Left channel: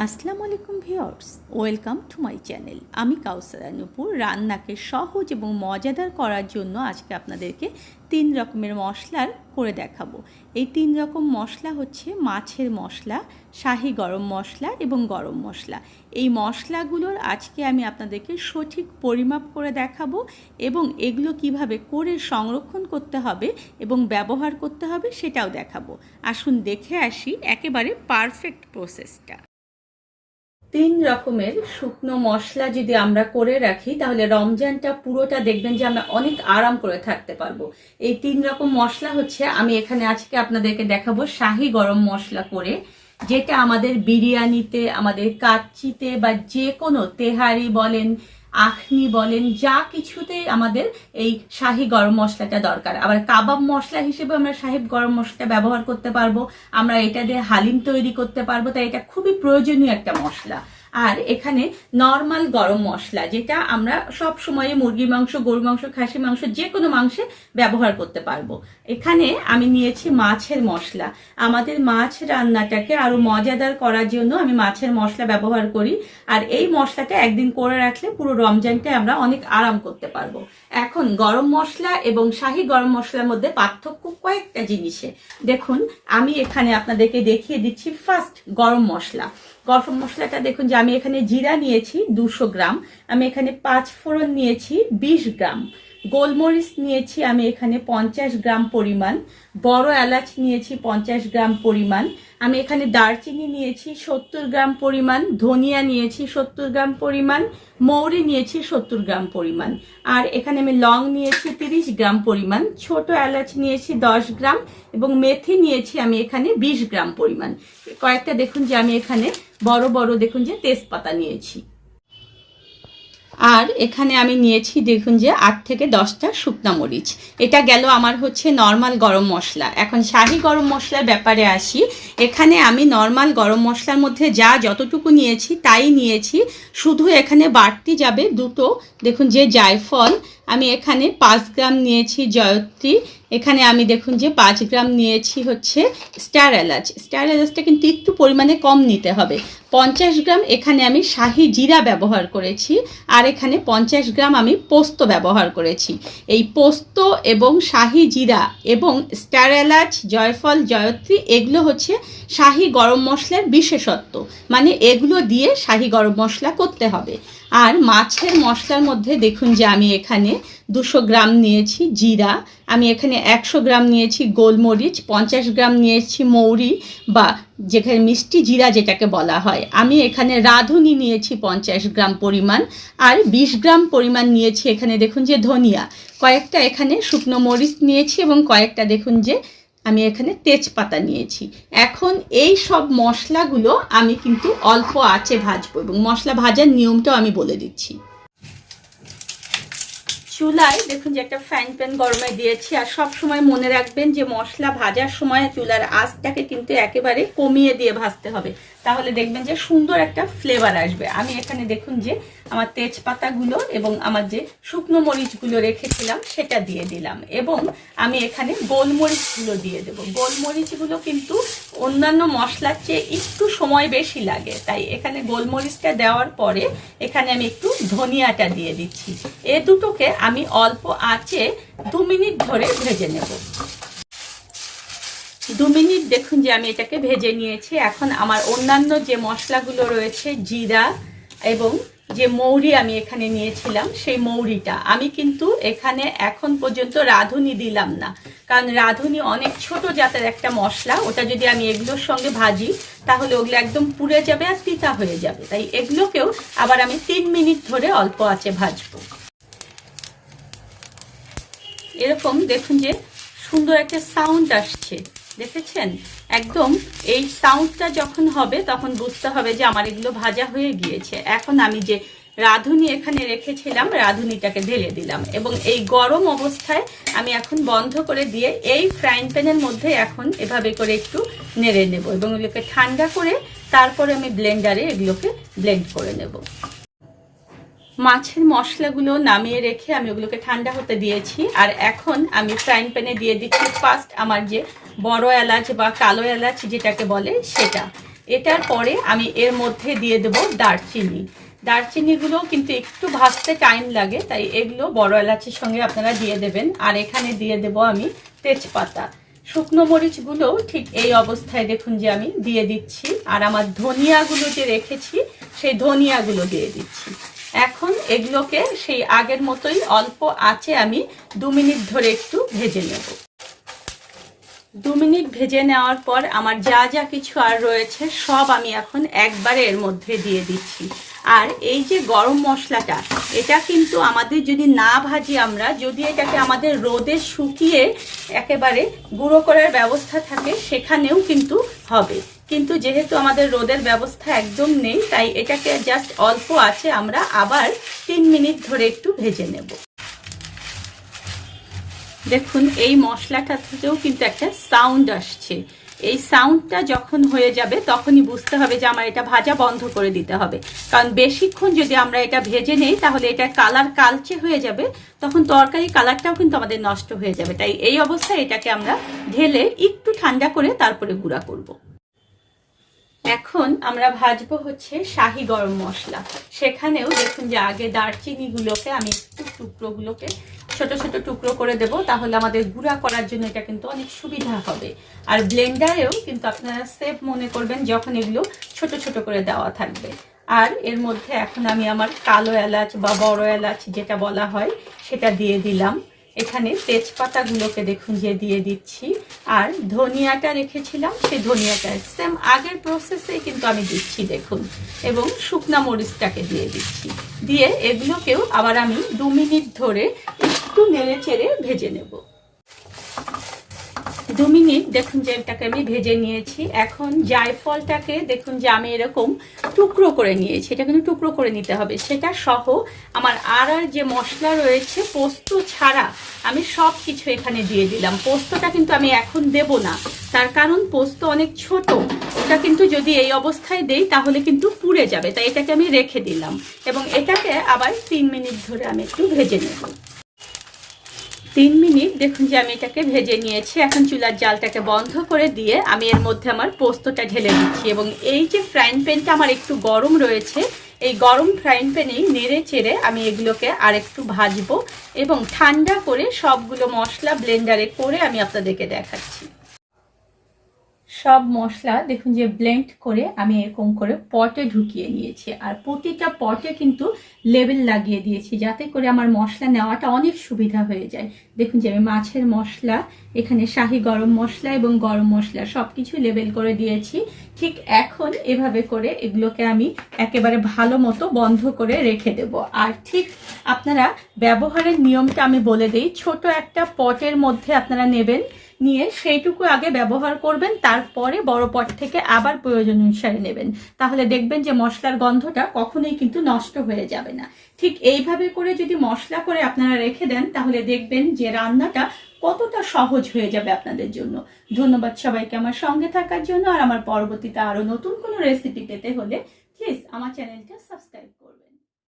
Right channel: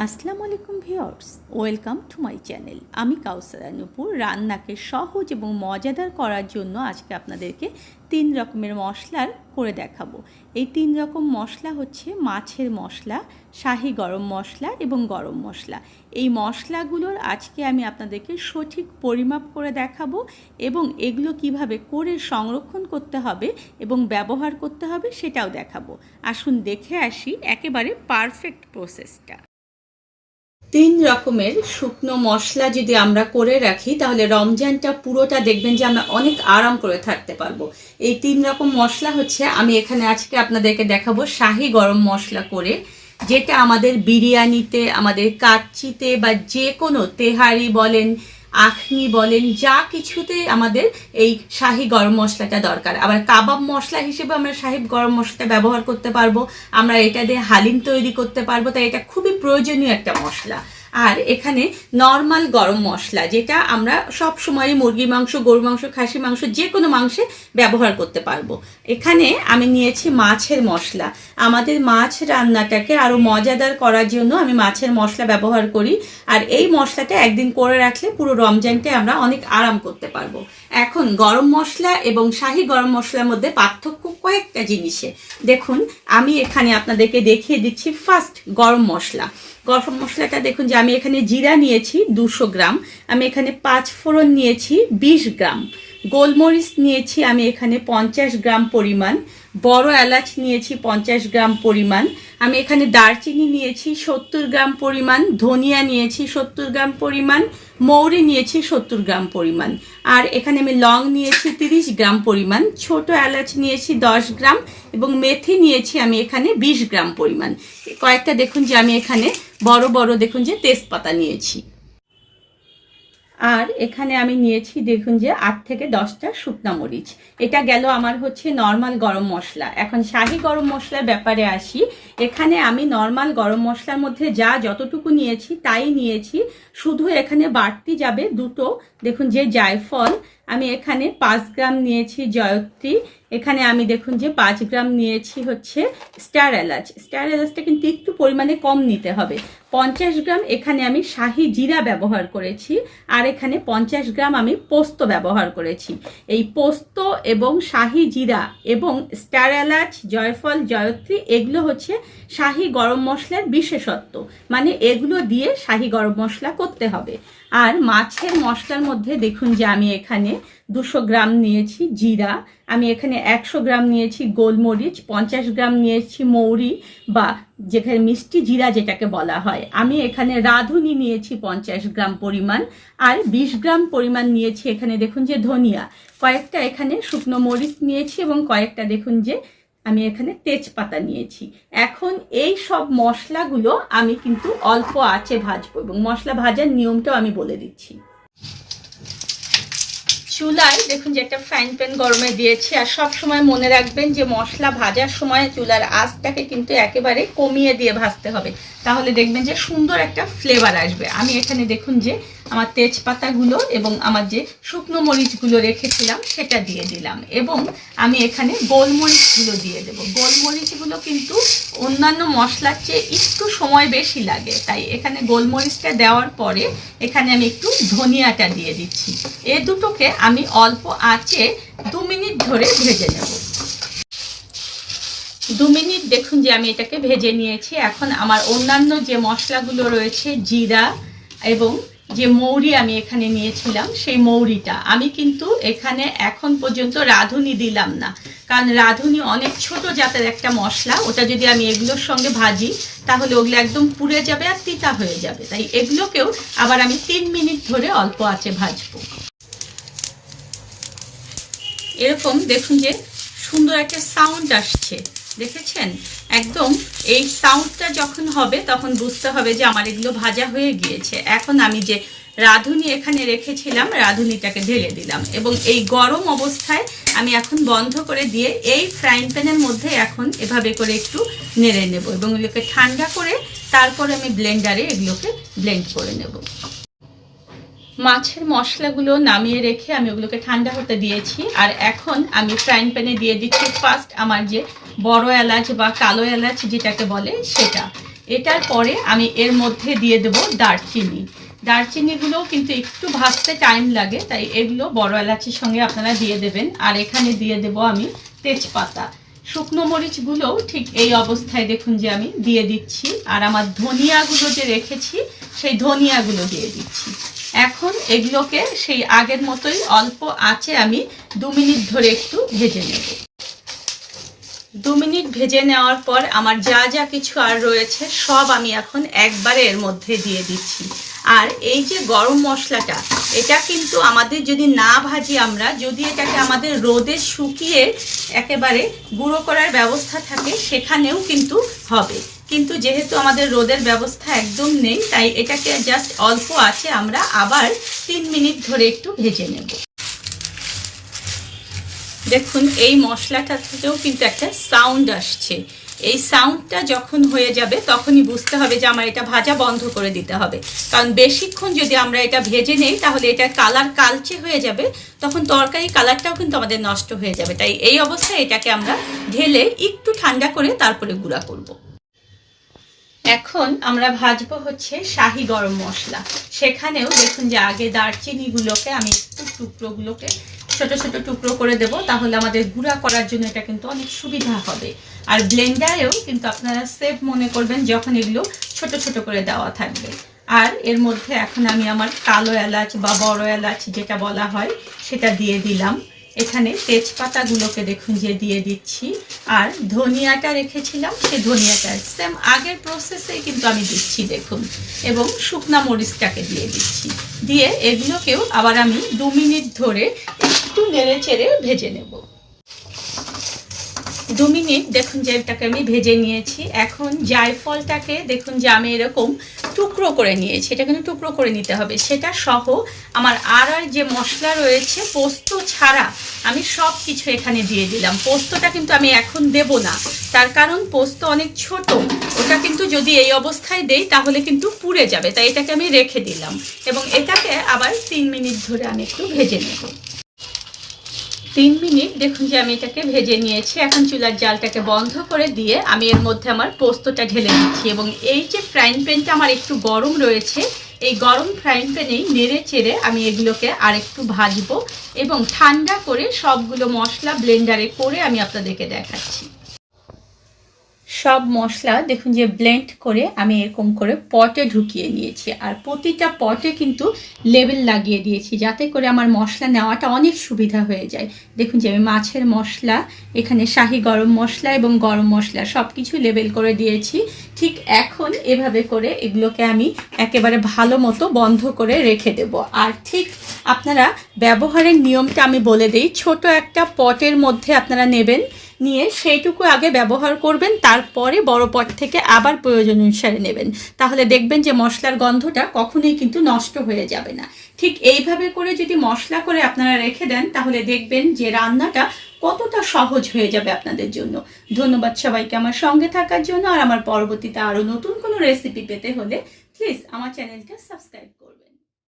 আসসালামু আলাইকুম viewers, welcome to my channel. আমি কাউসারা নূপুর। রান্নাকে সহজ এবং মজাদার করার জন্য আজকে আপনাদেরকে 3 রকমের মশলার করে দেখাবো। এই 3 রকম মশলা হচ্ছে মাছের মশলা, শাহি গরম মশলা এবং গরম মশলা। এই মশলাগুলোর আজকে আমি আপনাদেরকে সঠিক পরিমাপ করে দেখাবো এবং এগুলো কিভাবে করে সংরক্ষণ করতে হবে এবং ব্যবহার করতে হবে সেটাও দেখাবো। আসুন দেখে আসি একেবারে পারফেক্ট প্রসেসটা। 3 রকমের শুকনো মশলা যদি আমরা করে রাখি তাহলে রমজানটা পুরোটা দেখবেন যে আমরা অনেক আরাম করে থাকতে পারবো। এই 3 রকম মশলা হচ্ছে আমি এখানে আজকে আপনাদেরকে দেখাবো শাহি গরম মশলা করে, যেটা আমাদের বিরিয়ানিতে, আমাদের কাচ্চিতে বা যে কোনো তেহারি বলেন, আখনি বলেন, যা কিছুতে আমাদের এই শাহি গরম মশলাটা দরকার। আবার কাবাব মশলা হিসেবে আমরা শাহি গরম মশলাটা ব্যবহার করতে পারবো, আমরা এটা দিয়ে হালিম তৈরি করতে পারবো, তাই এটা খুবই প্রয়োজনীয় একটা মশলা। আর এখানে নর্মাল গরম মশলা, যেটা আমরা সব সময় মুরগির মাংস, গরুর মাংস, খাসি মাংস, যে কোনো মাংসে ব্যবহার করতে পারবো। এখানে আমি নিয়েছি মাছের মশলা। আমাদের মাছ রান্নাটাকে আরও মজাদার করার জন্য আমি মাছের মশলা ব্যবহার করি। আর এই মশলাটা একদিন করে রাখলে পুরো রমজানটা আমরা অনেক আরাম করতে পারবো। এখন গরম মশলা এবং শাহি গরম মশলার মধ্যে পার্থক্য কয়েকটা জিনিসে। দেখুন, আমি এখানে আপনাদেরকে দেখিয়ে দিচ্ছি। ফার্স্ট গরম মশলা। গরম মশলাটা দেখুন যে আমি এখানে জিরা নিয়েছি 200 গ্রাম, আমি এখানে 5 ফোড়ন নিয়েছি 20 গ্রাম, গোলমরিচ নিয়েছি আমি এখানে 50 গ্রাম পরিমাণ, বড় এলাচ নিয়েছি 50 গ্রাম পরিমাণ, আমি এখানে দারচিনি নিয়েছি 70 গ্রাম পরিমাণ, ধনিয়া নিয়েছি 70 গ্রাম পরিমাণ, মৌরি নিয়েছি 70 গ্রাম পরিমাণ, আর এখানে আমি লং নিয়েছি 30 গ্রাম পরিমাণ, ছোট এলাচ নিয়েছি 10 গ্রাম এবং মেথি নিয়েছি আমি এখানে 20 গ্রাম পরিমাণ। কয়েকটা দেখুন যে আমি এখানে বড় বড় দেখুন যে তেজপাতা নিয়েছি। আর এখানে আমি নিয়েছি দেখুন যে 8 থেকে 10টা শুকনা মরিচ। এটা গেল আমার হচ্ছে নর্মাল গরম মশলা। এখন শাহি গরম মশলার ব্যাপারে আসি। এখানে আমি নর্মাল গরম মশলার মধ্যে যতটুকু নিয়েছি তাই নিয়েছি, শুধু এখানে বাড়তি যাবে দুটো দেখুন যে জায়ফল, আমি এখানে 5 গ্রাম নিয়েছি জয়ত্রী, এখানে আমি দেখুন যে 5 গ্রাম নিয়েছি হচ্ছে স্টার এলাচ। স্টার এলাচটা কিন্তু একটু পরিমাণে কম নিতে হবে। 50 গ্রাম এখানে আমি শাহি জিরা ব্যবহার করেছি, আর এখানে 50 গ্রাম আমি পোস্ত ব্যবহার করেছি। এই পোস্ত এবং শাহি জিরা এবং স্টার এলাচ, জয়ফল, জয়ত্রী এগুলো হচ্ছে শাহি গরম মশলার বিশেষত্ব, মানে এগুলো দিয়ে শাহি গরম মশলা করতে হবে। আর মাছের মশলার মধ্যে দেখুন যে আমি এখানে 200 গ্রাম নিয়েছি জিরা, আমি এখানে 100 গ্রাম নিয়েছি গোলমরিচ, 50 গ্রাম নিয়েছি মৌরি বা যেখানে মিষ্টি জিরা যেটাকে বলা হয়, আমি এখানে রাঁধুনি নিয়েছি 50 গ্রাম পরিমাণ, আর 20 গ্রাম পরিমাণ নিয়েছি এখানে দেখুন যে ধনিয়া, কয়েকটা এখানে শুকনো মরিচ নিয়েছি এবং কয়েকটা দেখুন যে আমি এখানে তেজপাতা নিয়েছি। এখন এই সব মশলাগুলো আমি কিন্তু অল্প আঁচে ভাজবো এবং মশলা ভাজার নিয়মটাও আমি বলে দিচ্ছি। চুলায় দেখুন যে একটা ফ্রাইং প্যান গরমে দিয়েছি। আর সব সময় মনে রাখবেন যে মশলা ভাজার সময় চুলার আঁচটাকে কিন্তু একেবারে কমিয়ে দিয়ে ভাজতে হবে, তাহলে দেখবেন যে সুন্দর একটা ফ্লেভার আসবে। আমি এখানে দেখুন যে আমার তেজপাতাগুলো এবং আমার যে শুকনো মরিচগুলো রেখেছিলাম সেটা দিয়ে দিলাম এবং আমি এখানে গোলমরিচগুলো দিয়ে দেব। গোলমরিচগুলো কিন্তু অন্যান্য মশলার চেয়ে একটু সময় বেশি লাগে, তাই এখানে গোলমরিচটা দেওয়ার পরে এখানে আমি একটু ধনিয়াটা দিয়ে দিচ্ছি। এ দুটোকে আমি অল্প আঁচে 2 মিনিট ধরে ভেজে নেব। 2 মিনিট দেখুন যে আমি এটাকে ভেজে নিয়েছি। এখন আমার অন্যান্য যে মশলাগুলো রয়েছে, জিরা এবং যে মৌরি আমি এখানে নিয়েছিলাম, সেই মৌরিটা আমি কিন্তু এখানে এখন পর্যন্ত রাঁধুনি দিলাম না, কারণ রাঁধুনি অনেক ছোট জাতের একটা মশলা, ওটা যদি আমি এগুলোর সঙ্গে ভাজি তাহলে ওগুলো একদম পুড়ে যাবে আর তিতা হয়ে যাবে, তাই এগুলোকেও আবার আমি 3 মিনিট ধরে অল্প আঁচে ভাজবো। এরকম দেখুন যে সুন্দর একটা সাউন্ড আসছে, দেখেছেন? একদম এই সাউন্ডটা যখন হবে তখন বুঝতে হবে যে আমার এগুলো ভাজা হয়ে গিয়েছে। এখন আমি যে রাঁধুনি এখানে রেখেছিলাম রাঁধুনিটাকে ঢেলে দিলাম এবং এই গরম অবস্থায় আমি এখন বন্ধ করে দিয়ে এই ফ্রাইং প্যানের মধ্যে এখন এভাবে করে একটু নেড়ে নেব এবং এগুলোকে ঠান্ডা করে তারপরে আমি ব্লেন্ডারে এগুলোকে ব্লেন্ড করে নেব। মাছের মশলাগুলো নামিয়ে রেখে আমি ওগুলোকে ঠান্ডা হতে দিয়েছি। আর এখন আমি ফ্রাইং প্যানে দিয়ে দিচ্ছি ফার্স্ট আমার যে বড় এলাচ বা কালো এলাচ যেটাকে বলে সেটা, এটার পরে আমি এর মধ্যে দিয়ে দেব দারচিনি। দারচিনিগুলো কিন্তু একটু ভাজতে টাইম লাগে, তাই এগুলো বড় এলাচির সঙ্গে আপনারা দিয়ে দেবেন। আর এখানে দিয়ে দেব আমি তেজপাতা। শুকনো মরিচগুলো ঠিক এই অবস্থায় দেখুন যে আমি দিয়ে দিচ্ছি। আর আমার ধনিয়াগুলো যে রেখেছি সেই ধনিয়াগুলো দিয়ে দিচ্ছি। এখন এগুলোকে সেই আগের মতোই অল্প আঁচে আমি 2 মিনিট ধরে একটু ভেজে নেব। 2 মিনিট ভেজে নেওয়ার পর আমার যা যা কিছু আর রয়েছে সব আমি এখন একবারে এর মধ্যে দিয়ে দিচ্ছি। আর এই যে গরম মশলাটা, এটা কিন্তু আমাদের যদি না ভাজি আমরা, যদি এটাকে আমাদের রোদে শুকিয়ে একেবারে গুঁড়ো করার ব্যবস্থা থাকে সেখানেও কিন্তু হবে, কিন্তু যেহেতু আমাদের রোদের ব্যবস্থা একদম নেই, তাই এটাকে জাস্ট অল্প আছে আমরা আবার 3 মিনিট ধরে একটু ভেজে নেব। দেখুন এই মশলাটা থেকেও কিন্তু একটা সাউন্ড আসছে। এই সাউন্ডটা যখন হয়ে যাবে তখনই বুঝতে হবে যে আমার এটা ভাজা বন্ধ করে দিতে হবে, কারণ বেশিক্ষণ যদি আমরা এটা ভেজে নেই তাহলে এটা কালার কালচে হয়ে যাবে, তখন তরকারি কালারটাও কিন্তু আমাদের নষ্ট হয়ে যাবে। তাই এই অবস্থায় এটাকে আমরা ঢেলে একটু ঠান্ডা করে তারপরে গুঁড়া করব। এখন আমরা ভাজবো হচ্ছে শাহি গরম মশলা। সেখানেও দেখুন যে আগে দারচিনিগুলোকে আমি টুকরোগুলোকে ছোট ছোট টুকরো করে দেব, তাহলে আমাদের গুঁড়া করার জন্য এটা কিন্তু অনেক সুবিধা হবে। আর ব্লেন্ডারেও কিন্তু আপনারা সেভ মনে করবেন যখন এগুলো ছোট ছোট করে দেওয়া থাকবে। আর এর মধ্যে এখন আমি আমার কালো এলাচ বা বড় এলাচ যেটা বলা হয় সেটা দিয়ে দিলাম। এখানে তেজপাতাগুলোকে দেখুন যে দিয়ে দিচ্ছি। আর ধনিয়াটা রেখেছিলাম সেই ধনিয়াটা সেম আগের প্রসেসেই কিন্তু আমি দিচ্ছি দেখুন, এবং শুকনা মরিচটাকে দিয়ে দিচ্ছি। দিয়ে এগুলোকেও আবার আমি 2 মিনিট ধরে একটু নেড়ে চেড়ে ভেজে নেব। 2 মিনিট দেখুন যে এটাকে আমি ভেজে নিয়েছি। এখন জায়ফলটাকে দেখুন যে আমি এরকম টুকরো করে নিয়েছি, এটা কিন্তু টুকরো করে নিতে হবে। সেটা সহ আমার আর যে মশলা রয়েছে পোস্ত ছাড়া আমি সব কিছু এখানে দিয়ে দিলাম। পোস্তটা কিন্তু আমি এখন দেব না, তার কারণ পোস্ত অনেক ছোট, ওটা কিন্তু যদি এই অবস্থায় দেই তাহলে কিন্তু পুড়ে যাবে, তাই এটাকে আমি রেখে দিলাম। এবং এটাকে আবার 3 মিনিট ধরে আমি একটু ভেজে নেব। 3 মিনিট দেখুন যে আমি এটাকে ভেজে নিয়েছি। এখন চুলার জালটাকে বন্ধ করে দিয়ে আমি এর মধ্যে আমার পোস্তটা ঢেলে দিচ্ছি। এবং এই যে ফ্রাইং প্যানটা আমার একটু গরম রয়েছে, এই গরম ফ্রাইং প্যানেই নেড়ে চেড়ে আমি এগুলোকে আর একটু ভাজবো এবং ঠান্ডা করে সবগুলো মশলা ব্লেন্ডারে করে আমি আপনাদেরকে দেখাচ্ছি। সব মশলা দেখুন যে ব্লেন্ড করে আমি এরকম করে পটে ঢুকিয়ে নিয়েছি। আর প্রতিটা পটে কিন্তু লেবেল লাগিয়ে দিয়েছি যাতে করে আমার মশলা নেওয়াটা অনেক সুবিধা হয়ে যায়। দেখুন যে আমি মাছের মশলা, এখানে শাহি গরম মশলা এবং গরম মশলা সব কিছু লেবেল করে দিয়েছি। ঠিক এখন এভাবে করে এগুলোকে আমি একেবারে ভালো মতো বন্ধ করে রেখে দেব। আর ঠিক আপনারা ব্যবহারের নিয়মটা আমি বলে দিই। ছোট একটা পটের মধ্যে আপনারা নেবেন, নিয়ে সেইটুকু আগে ব্যবহার করবেন, তারপরে বড় পট থেকে আবার প্রয়োজন অনুসারে নেবেন। তাহলে দেখবেন যে মশলার গন্ধটা কখনোই কিন্তু নষ্ট হয়ে যাবে না। ঠিক এইভাবে করে যদি মশলা করে আপনারা রেখে দেন তাহলে দেখবেন যে রান্নাটা কতটা সহজ হয়ে যাবে আপনাদের জন্য। ধন্যবাদ সবাইকে আমার সঙ্গে থাকার জন্য। আর আমার পরবর্তীতে আরও নতুন কোনো রেসিপি পেতে হলে প্লিজ আমার চ্যানেলটা সাবস্ক্রাইব করুন।